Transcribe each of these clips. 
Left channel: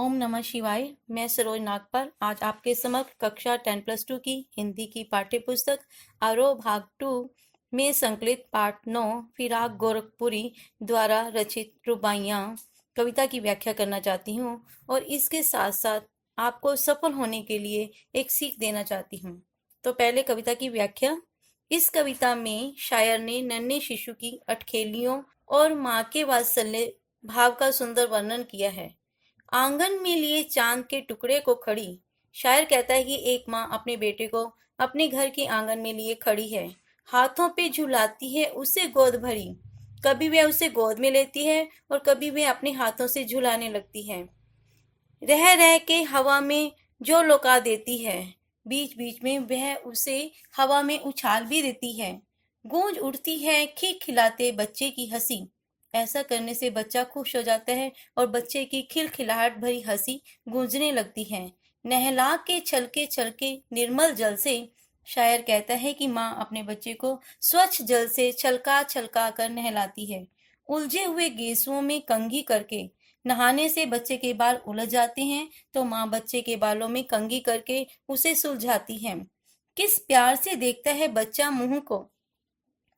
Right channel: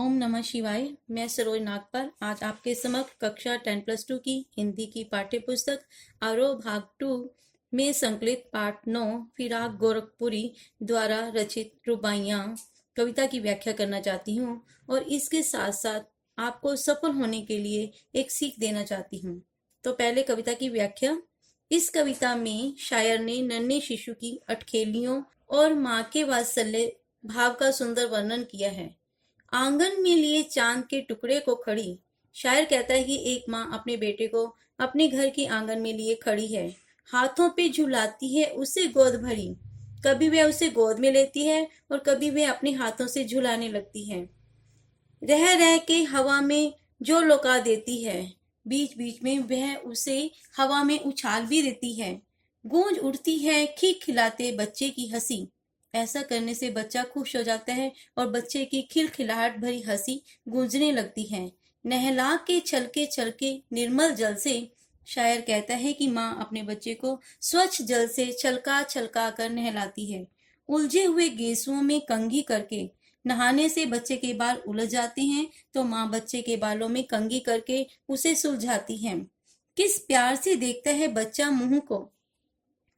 ओम नमः शिवाय। मैं सरोज नागपाल आज आपके समक्ष कक्षा 10+2 की हिंदी की पाठ्य पुस्तक आरोह भाग 2 में संकलित पाठ 9 फिराक गोरखपुरी द्वारा रचित रुबाइयाँ कविता की व्याख्या करना चाहती हूँ और इसके साथ साथ आपको सफल होने के लिए एक सीख देना चाहती हूँ। तो पहले कविता की व्याख्या। इस कविता में शायर ने नन्हे शिशु की अटखेलियों और माँ के वात्सल्य भाव का सुंदर वर्णन किया है। आंगन में लिए चांद के टुकड़े को खड़ी। शायर कहता है कि एक माँ अपने बेटे को अपने घर के आंगन में लिए खड़ी है, हाथों पे झुलाती है उसे गोद भरी। कभी वह उसे गोद में लेती है और कभी वह अपने हाथों से झुलाने लगती है। रह रह के हवा में जो लौका देती है, बीच बीच में वह उसे हवा में उछाल भी देती है। गूंज उठती है खिलखिलाते बच्चे की हंसी। ऐसा करने से बच्चा खुश हो जाता है और बच्चे की खिलखिलाहट भरी हंसी गूंजने लगती है। नहला के छलके निर्मल जल से। शायर कहता है कि माँ अपने बच्चे को स्वच्छ जल से छलका छलका कर नहलाती है। उलझे हुए गेसुओं में कंघी करके। नहाने से बच्चे के बाल उलझ जाते हैं तो माँ बच्चे के बालों में कंघी करके उसे सुलझाती है। किस प्यार से देखता है बच्चा मुंह को।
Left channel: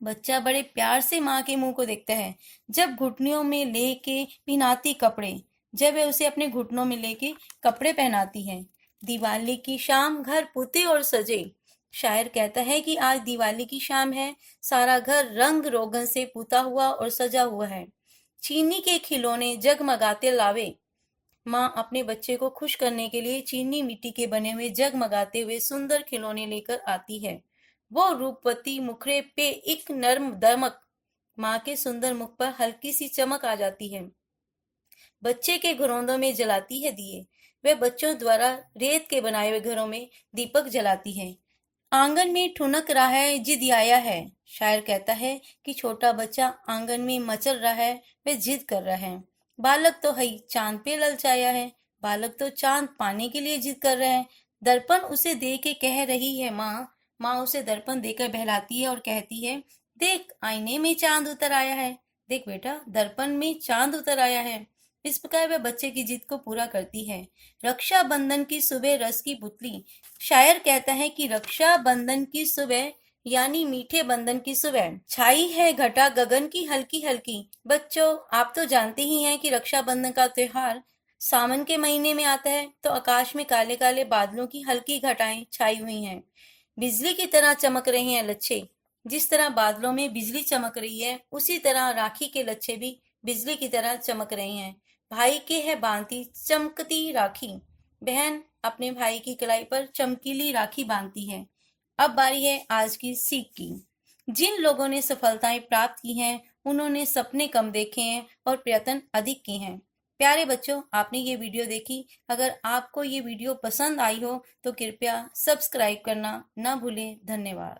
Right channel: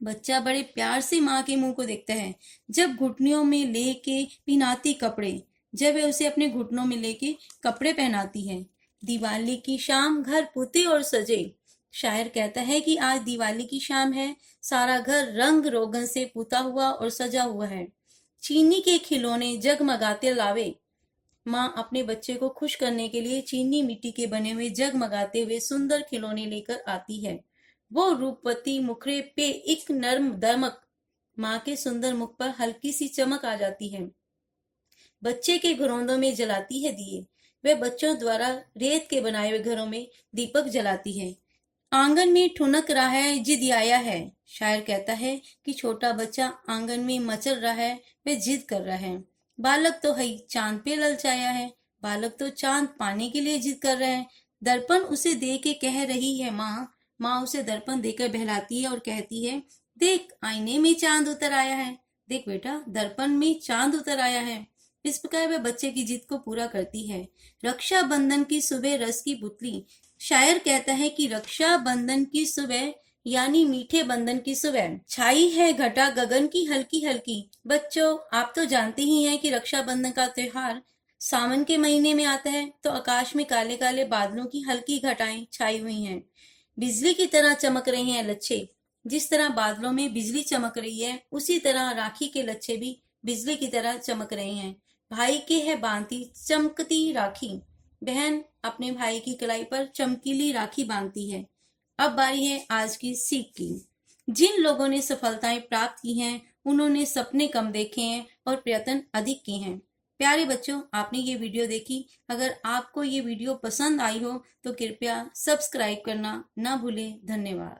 बच्चा बड़े प्यार से माँ के मुंह को देखता है। जब घुटनों में लेके पहनाती कपड़े। जब वह उसे अपने घुटनों में लेके कपड़े पहनाती है। दिवाली की शाम घर पुते और सजे। शायर कहता है कि आज दिवाली की शाम है, सारा घर रंग रोगन से पुता हुआ और सजा हुआ है। चीनी के खिलौने जगमगाते लावे। माँ अपने बच्चे को खुश करने के लिए चीनी मिट्टी के बने हुए जगमगाते हुए सुंदर खिलौने लेकर आती है। वो रूपवती मुखड़े पे एक नर्म दमक। माँ के सुंदर मुख पर हल्की सी चमक आ जाती है। बच्चे के घरौंदों में जलाती है दिए। वह बच्चों द्वारा रेत के बनाए हुए घरों में दीपक जलाती है। आंगन में ठुनक रहा है जिद आया है। शायर कहता है कि छोटा बच्चा आंगन में मचल रहा है, वह जिद कर रहा है। बालक तो है चांद पे ललचाया है। बालक तो चांद पाने के लिए जिद कर रहा है। दर्पण उसे दे के कह रही है माँ। माँ उसे दर्पण देकर बहलाती है और कहती है, देख आईने में चांद उतर आया है। देख बेटा दर्पण में चांद उतर आया है। इस प्रकार वह बच्चे की जिद को पूरा करती है। रक्षाबंधन की सुबह रस की पुतली। शायर कहता है कि रक्षा बंधन की सुबह यानी मीठे बंधन की सुबह छाई है घटा गगन की हल्की हल्की। बच्चों आप तो जानते ही हैं कि रक्षाबंधन का त्योहार सावन के महीने में आता है तो आकाश में काले काले बादलों की हल्की घटाएं छाई हुई हैं। बिजली की तरह चमक रहे हैं लच्छे। जिस तरह बादलों में बिजली चमक रही है उसी तरह राखी के लच्छे भी बिजली की तरह चमक रहे हैं। भाई के है बांधती चमकती राखी। बहन अपने भाई की कलाई पर चमकीली राखी बांधती है। अब बारी है आज की सीख की। जिन लोगों ने सफलताएं प्राप्त की हैं उन्होंने सपने कम देखे हैं और प्रयत्न अधिक किए हैं। प्यारे बच्चों आपने ये वीडियो देखी। अगर आपको ये वीडियो पसंद आई हो तो कृपया सब्सक्राइब करना ना भूलें। धन्यवाद।